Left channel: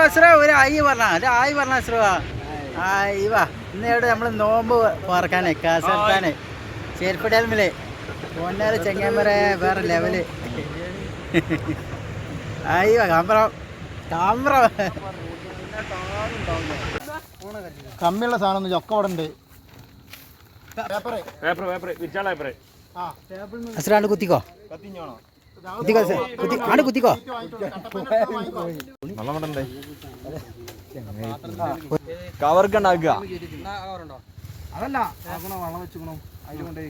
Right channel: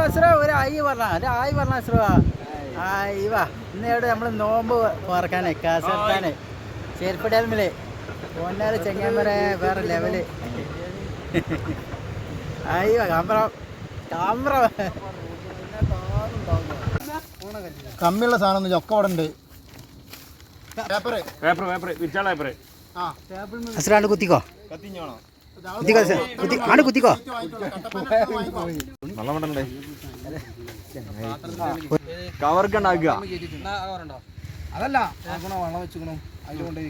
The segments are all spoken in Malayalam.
അസുറ ഒരു ആയി പറഞ്ഞ ഒരു ആയി പറഞ്ഞ അസുറ ആയി വാ. ഇന്നേടെ നമ്മൾ നോമ്പ് പറക്കാനേ കാസർക്കാന് ചേർപ്പടയിലെ പൊന്നാൽ ചെങ്ങാമര വേറെ ലെവൽ ആയി വാ കാമ്പ്രം കാമ്പ്രം കമ്മിയുള്ള സാധനം ചൊക്ക അവിടെ ഉണ്ട്. പേപ്പർ പേപ്പർ പേപ്പർ കുത്തിക്കോ. കുത്തിക്കോ. കുത്തി ആണ് കുത്തിക്കോ. കവർക്കുണ്ടാക്കുക അതല്ല ആക്കണോ വെള്ളം വെച്ചുക്കണോ? അതിൽ കൊണ്ട്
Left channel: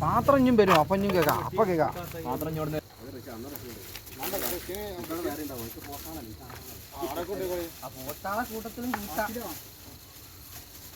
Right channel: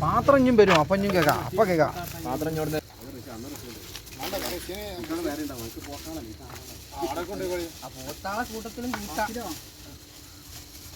പാത്രം ഇഞ്ഞും വരും അപ്പം ഇഞ്ഞും കേൾക്കാം അപ്പൊ കേൾക്കാം. പാത്രം ചോടുന്ന കൂട്ടത്തിലും കൂട്ടാ.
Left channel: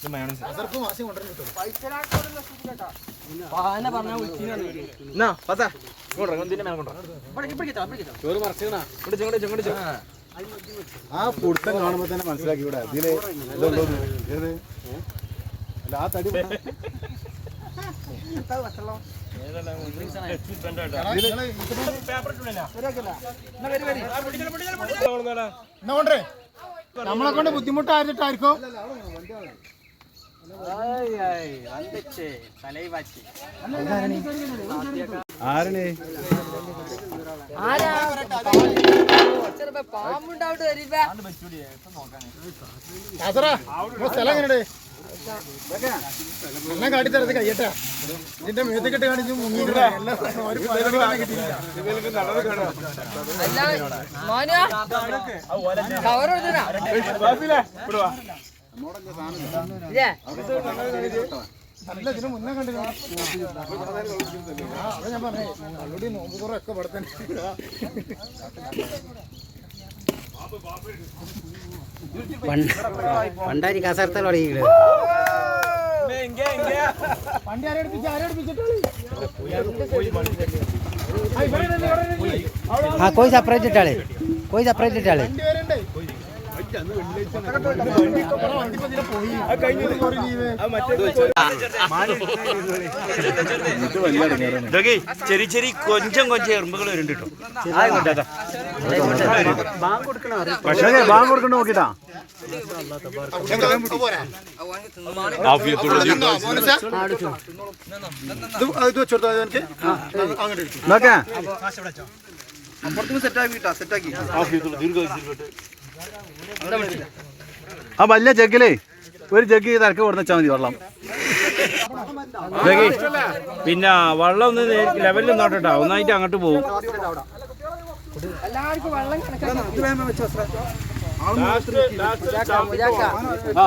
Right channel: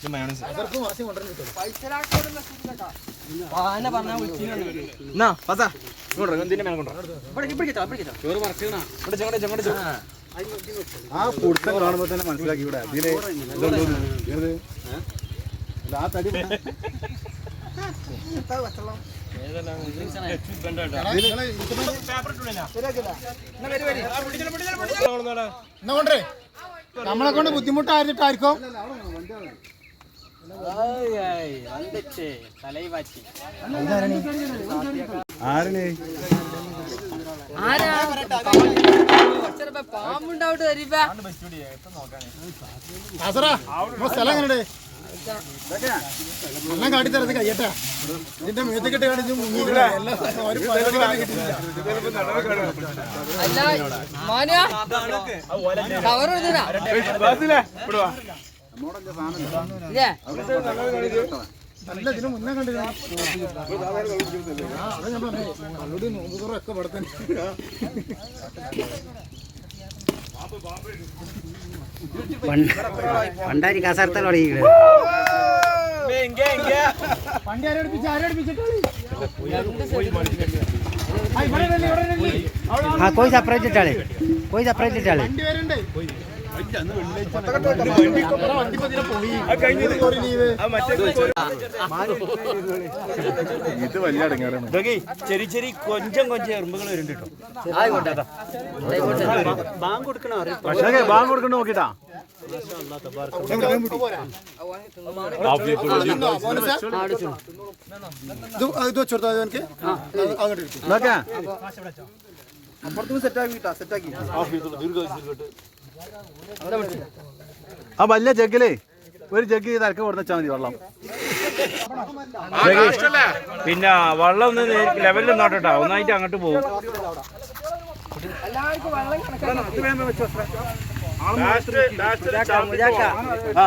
ഇത് മയോണൈസ് എന്നാ? പത്താ. ഇതിന്റെ മേലെ ആ കൊടുത്തം കാണുമ്പോ തന്നെ മനസ്സിലാക്കി ഇവിടെ. ഇതിൽ? അല്ല, ആ തടി നമ്മളെ കൊണ്ട് ബുദ്ധിമുട്ടായിരുന്നിട്ടായിരിക്കും? ആരാണ് കാസറാ, നമ്മുടെ സ്ഥലം എങ്ങനെയുണ്ട്? എല്ലാം കാട്ടിത്തരത് കയ്യട്ടാ ഇതിന്റെ മേത്ത് കെട്ട് കാണിച്ച്. അല്ല, ഇതിന് മുന്നേ കണ്ടു പണ്ടാരി കാസർത്തൽ തുടങ്ങിയത് ഇല്ലേ, ആ കോയി സെപ്പറേറ്റ് ഇട്ടാളേ. കോയി സെപ്പറേറ്റ് ഇട്ടാളേ. ഇതൊക്കെ ചെറിയ ചെറിയ കൊഞ്ചം കൊഞ്ചം എറുമ്പുകൾ വരുന്നുണ്ട് കേട്ടോ. ആയിക്കോട്ടെ അതാ. പക്ഷേ ബാങ്ക് കൊടുക്കണ്ട നോക്കിട്ടാ. ആ വല്ല ജഗ്ഗിലേ. ഒരു ജഗ് തിരക്ക് കൊടുന്ന് മതി വെള്ളം. പിന്നെ വെള്ളം ഒന്ന് ലെവലിൽ നോട്ടോ ഒന്നായിട്ട് അങ്ങോട്ട് പോകും ആ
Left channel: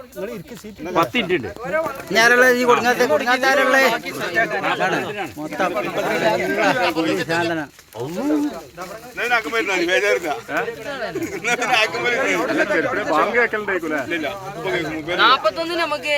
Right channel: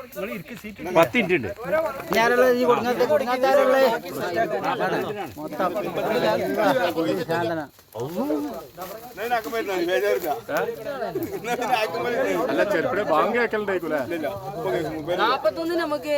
പത്ത് ഇഞ്ച് ഉണ്ട്. ഞാനുള്ള ഈ കൊടുങ്ങാത്ത കൊടുങ്ങാത്താരുള്ളേ മൊത്തം സാധനം നാപ്പത്തൊന്നിന് നമുക്ക്